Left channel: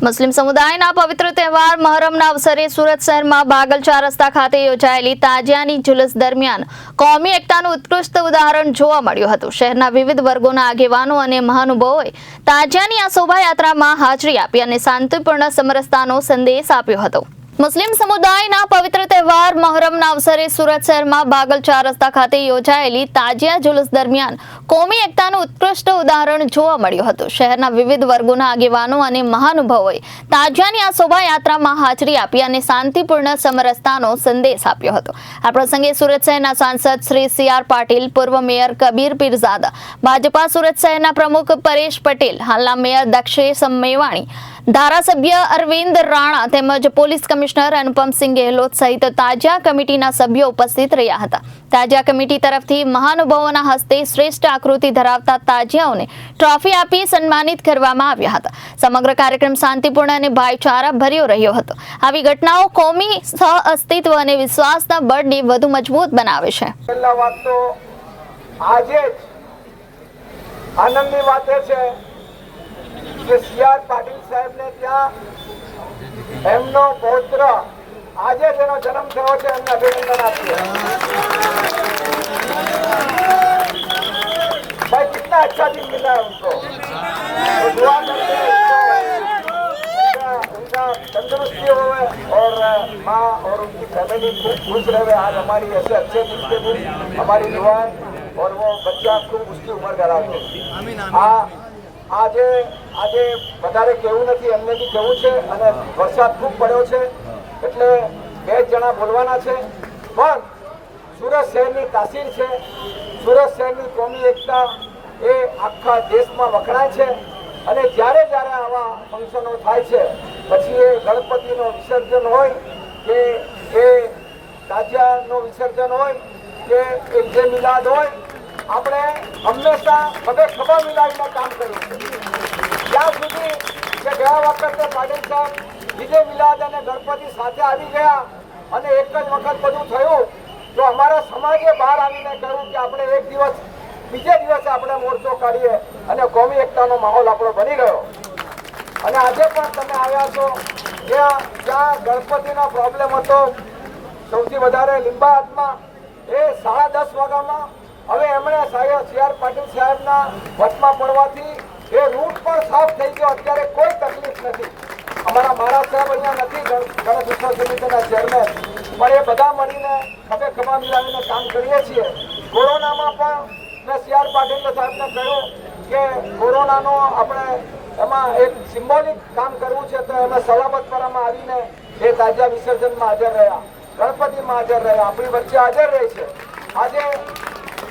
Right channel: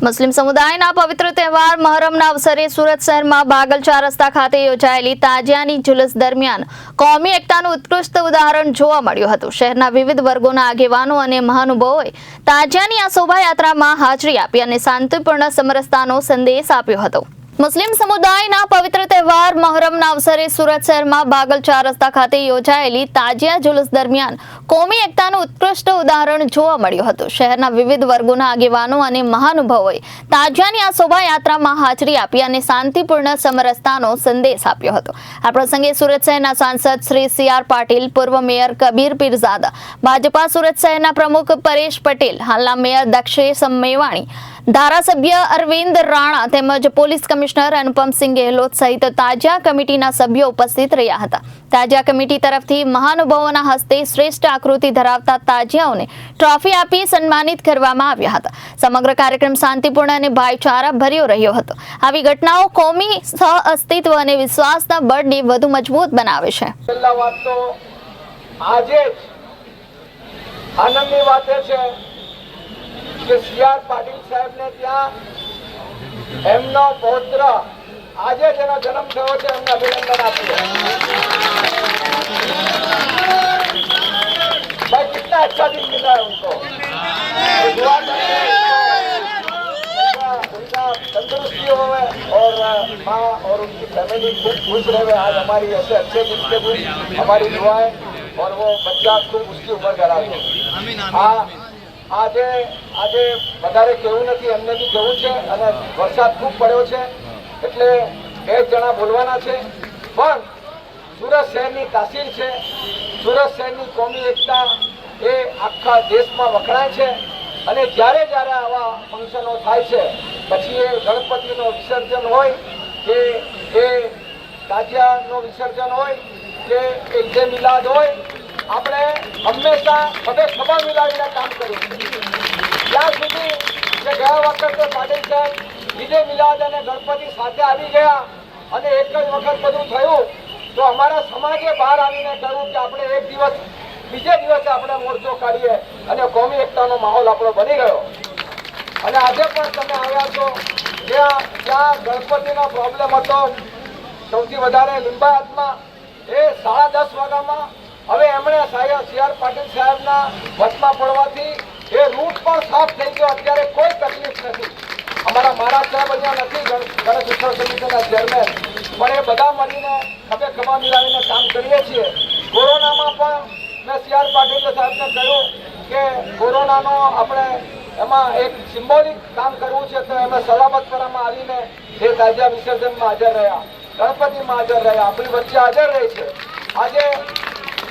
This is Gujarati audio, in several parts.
મુસ્લિમ સમુદાયના પવિત્ર તહેવાર મહરમના અવસરે સુરત શહેરમાં બાગલ ચાર રસ્તા ખાતે યોજાયેલી તાજિયાની જુલુસ દરમિયાન કોમી એકતાનું ઉત્કૃષ્ટ ઉદાહરણ જોવા મળ્યું હતું. શહેરના વિવિધ વર્ગોના આગેવાનો અને મહાનુભાવોએ તાજિયાની આ શોભાયાત્રામાં હાજરી આપી અને શાંતિપૂર્ણ સમરસતાનો સંદેશ આપ્યો હતો. મુસ્લિમ સમુદાયના પવિત્ર તહેવાર મહોરમના અવસરે સુરત શહેરમાં બાગલ ચાર રસ્તા ખાતે યોજાયેલી તાજિયા જુલુસ દરમિયાન કોમી એકતાનું ઉત્કૃષ્ટ ઉદાહરણ જોવા મળ્યું હતું. શહેરના વિવિધ વર્ગોના આગેવાનો અને મહાનુભાવોએ તાજિયાની આ શોભાયાત્રામાં હાજરી આપી અને શાંતિપૂર્ણ સમરસતાનો સંદેશ આપ્યો હતો. આ પ્રસંગે સુરત શહેરના સાંસદ શ્રી સી આર પાટીલ, પૂર્વ મેયર કબીર પીરઝાદા, ભાજપા સુરત શહેરના પ્રમુખ પરેશ પટેલ, હાલના મેયર દક્ષેશ મેવાણી ધારાસભ્ય અરવિંદ રાણા તેમજ પોલીસ કમિશનર અનુપમસિંહ ગેહલોત સહિત તાજા કમિટીના સભ્યો ઉપસ્થિત રહ્યા હતા. તાજા કમિટી તરફથી મહાનુભાવોના હસ્તે શ્રેષ્ઠ આકૃતિ ધરાવતા તાજિયાઓને ટ્રોફી આપી સન્માનિત કરવામાં આવ્યા હતા. સમગ્ર કાર્યક્રમ શાંતિપૂર્ણ અને ભાઈચારા ભર્યો રહ્યો હતો. આવી ઘટનાઓ કોમી સહ અસ્તિત્વ અને વિશ્વાસના બળને વધુ મજબૂત બનાવે છે. આજે આનંદની વાત છે કે એમનો પૌત્ર આજે તેનો જન્મ થયો છે એમને અભિનંદન આપીએ ભાઈ કેટલા અચ્છા દિન મિલા ઉनको उनका तंदुरुस्ती हो और माँ और उनकी फैमिली खूब खुश रहे आज हमारी ऐसे अच्छे दिन के दिन हमारी दुआएं और वो बच्चा खूब उसकी उम्र करा दे हाँ આજે આજે વધારે કેવું નથી, એમને બી જવું છે અને વરસાદ ખૂબ પડ્યો છે. એટલે બે જણા બોલવાના છે. પણ સુરત શહેરની તાસીર છે. સુરત શહેરની કોમી એકતા એ આખા દેશમાં વખણાય છે. અને જ્યારે જ્યારે આવા ફંક્શનો થાય છે, પછી એ ગણપતિનો વિસર્જન હોય કે એ તાજિયાનો વિસર્જન હોય કે ઈદ જે મિલાદ હોય આપણે હંમેશા બધે ખભા મિલાવીને કામ કર્યું ત્યાં સુધી કે ગયા વખતે પાટીલ સાહેબ વિજય મિલાદ અને ગણપતિ સાથે આવી ગયા અને એક જ વખત બધું થયું, તો અમારા સમાજે બહાર આવીને કહ્યું કે આપણે એક દિવસ, બીજે દિવસે આપણે મોરચો કાઢીએ અને કોમી એકતાનો માહોલ આપણો બની ગયો. અને આજે પણ તમે આવ્યા છો, જ્યાં જ્યાં ગણપતિનો પ્રોબ્લેમ હતો. સૌથી વધારે લિંબાયતમાં એ સાડા દસ વાગ્યામાં હવે એમણે સાહેબ સી આર પાટીલ સાહેબના વચમાં પડવાથી એ રૂટ પણ સાફ થઈ ગયો. અત્યારે કોઈ તકલીફ નથી. અમારા મહારાજ સાહેબ અહીંયા નથી ગણ- ગણેશ ઉત્સવ સમિતિના ચેરમેન. પણ એ બધા મળીને ખભે ખભા મિલાવીને કામ કરીએ છીએ. કોરોનામાં પણ મેં સી આર પાટીલ સાહેબને કહ્યું કે કોરોનાનો આપણે એમાં એક સિમ્બોલિક કામ કરવું છે તો એમાં સલામતપરામાં આવીને એ તાજા વિસર્જનમાં હાજર રહ્યા. ગણપતિમાં હાજર રહ્યા. આપણી વચ્ચે હાજર રહી છે. આજે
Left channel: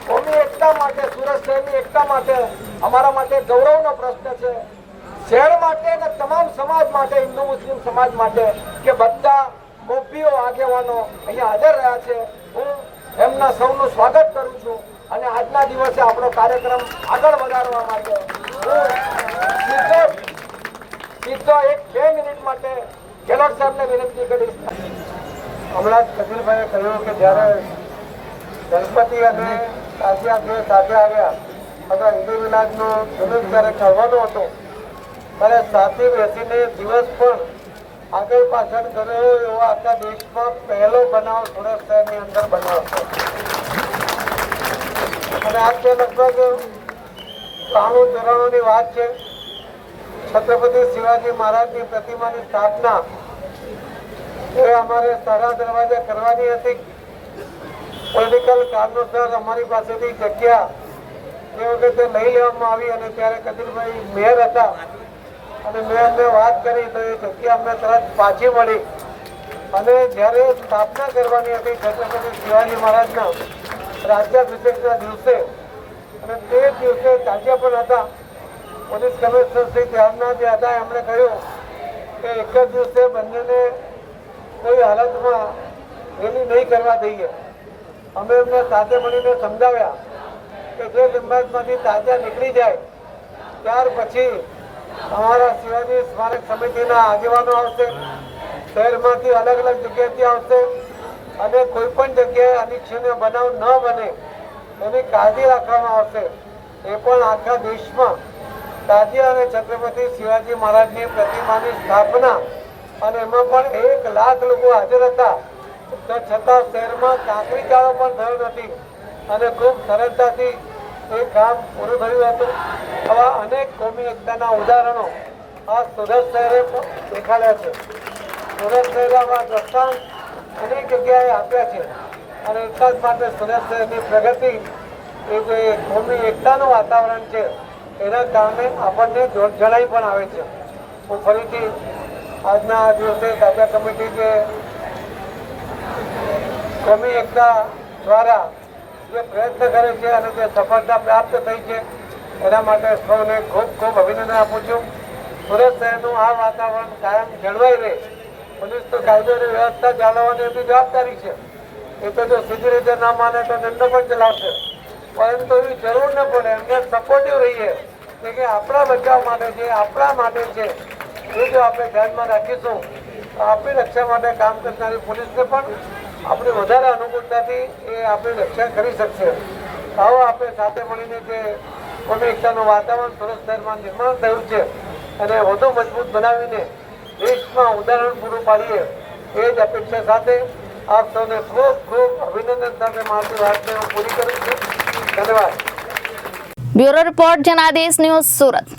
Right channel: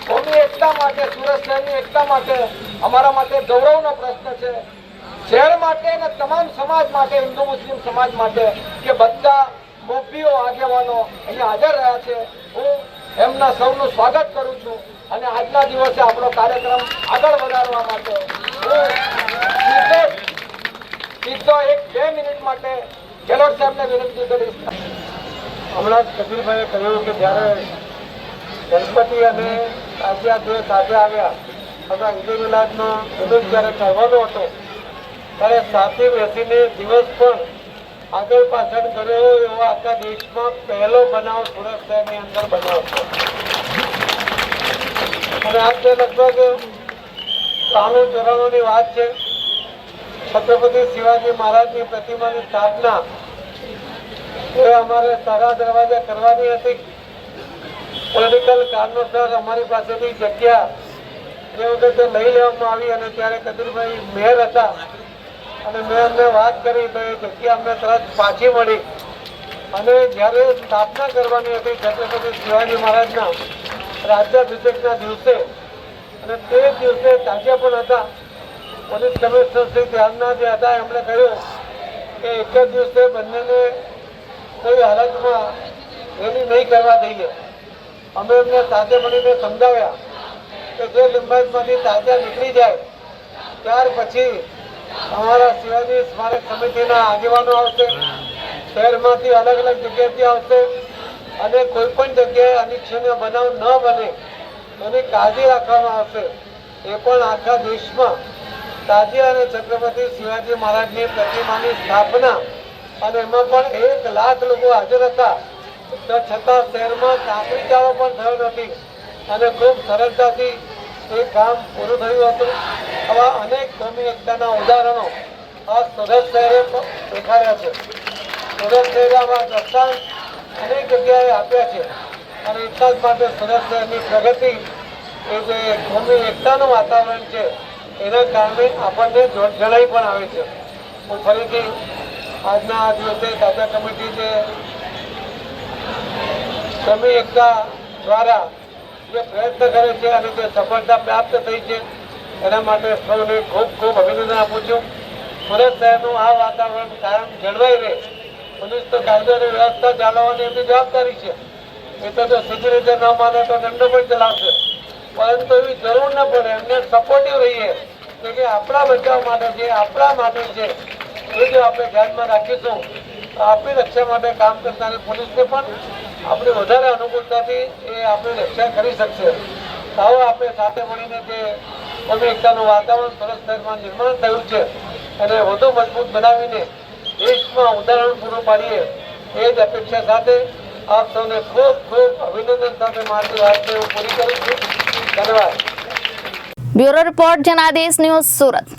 કોમી એકતા માટે, સુરત શહેરની એકતા માટે, અમારા માટે ગૌરવનો પ્રશ્ન છે. શહેર માટે અને તમામ સમાજ માટે, હિન્દુ, મુસ્લિમ સમાજ માટે કે બધા મોભીઓ આગેવાનો અહીંયા હાજર રહ્યા છે, હું એમના સૌનું સ્વાગત કરું છું અને આજના દિવસે આપણો કાર્યક્રમ આગળ વધારવા માટે હું સીધો એક બે મિનિટ માટે ગેહલોત સાહેબને વિનંતી કરીશ. હમણાં જ કબીરભાઈએ કહ્યું કે જ્યારે ગણપતિ અને તાજિયા જે સાથે આવ્યા. અને ઈદે મિલાદનો જુલુસ જ્યારે કરવાનો હતો, ત્યારે સાથે બેસીને દિવસ પણ આગળ પાછળ કર્યો એવો આખા દેશમાં પહેલો બનાવ સુરત શહેરની અંદર બન્યો છે અને આજે લગભગ ત્રાણું ચોરાણુંની વાત છે, છત્રપતિ શિવાજી મહારાજની પ્રતિમાની સ્થાપના એ અમારે સારા દરવાજા કરવાની હતી. પોલિટિકલ કારણોસર અમારી પાસેથી જગ્યા તે વખતે લઈ લેવામાં આવી અને ત્યારે કદીરભાઈ મેયર હતા. અને મેં અમને વાત કરી તો એ જગ્યા અમને તરત પાછી મળી. અને જ્યારે સ્થાપના કરવાની હતી છત્રપતિ શિવાજી મહારાજના રાજ્યાભિષેકના દિવસે, અને તે દિવસે તાજિયા પણ હતા. પોલીસ કમિશનર શ્રી ત્યારના જે હતા. એમણે કહ્યું કે એક જ દિવસે બંનેને કોઈ હાલતમાં રેલી નહીં કરવા દઈએ. અમે એમને સાથે મળીને સમજાવ્યા કે જે લંબાઈમાંથી તાજા નીકળી જાય, ત્યાર પછી અમારા શિવાજી સ્મારક સમિતિના આગેવાનો આવશે, શહેરમાંથી અલગ અલગ જગ્યાથી આવશે અને કોઈ પણ જગ્યાએ અનિચ્છનીય બનાવ ન બને, એની કાળજી રાખવામાં આવશે. એ પણ આખા દેશમાં તાજી અને છત્રપતિ શિવાજી મહારાજની પ્રતિમાની સ્થાપના અને એમાં પણ એક લાખ લોકો હાજર હતા. તો છતાં શહેરમાં કાંકરી ચારો પણ થયો નથી. અને ખૂબ સરળતાથી એ કામ પૂરું થયું હતું. આવા અનેક કોમી એકતાના ઉદાહરણો આ સુરત શહેરે દેખાડ્યા છે. સુરત શહેરમાં પ્રસ્તાવ અનેક જગ્યાએ આપ્યા છે. અને એટલા જ માટે સુરત શહેરની પ્રગતિ એ જે કોમી એકતાનું વાતાવરણ છે, એના કારણે આપણને જણાઈ પણ આવે છે. હું ફરીથી આજના આ દિવસે તાજા કમિટી જે કોમી એકતા દ્વારા જે પ્રયત્ન કરે છે અને જે સફળતા પ્રાપ્ત થઈ છે, એના માટે સૌને ખૂબ ખૂબ અભિનંદન આપું છું. સુરત શહેરનું આ વાતાવરણ કાયમ જળવાઈ રહે પોલીસ તો કાયદો વ્યવસ્થા જાળવવાની એમની જવાબદારી છે. એ તો જો સીધી રીતે ના માને તો એમને પણ ચલાવશે પરંતુ એવી જરૂર ન પડે, એમને સપોર્ટિવ રહીએ. કે આપણા બચાવ માટે જે, આપણા માટે છે એ જો આપણે ધ્યાનમાં રાખીશું આપણી રક્ષા માટે કામ કરનારી પોલીસને પણ આપણે વધારે અનુકૂળતાથી એ આપણી રક્ષા કરી શકશે. આવો આપણે સાથે મળીને જે અમે એકતાનું વાતાવરણ સુરત શહેરમાં નિર્માણ થયું છે અને વધુ મજબૂત બનાવીને દેશમાં ઉદાહરણ પૂરું પાડીએ એ જ અપેક્ષા સાથે આપ સૌને ખૂબ ખૂબ અભિનંદન સાથે મારી વાત પૂરી કરું છું. ધન્યવાદ. Bureau report Janadesh news Surat.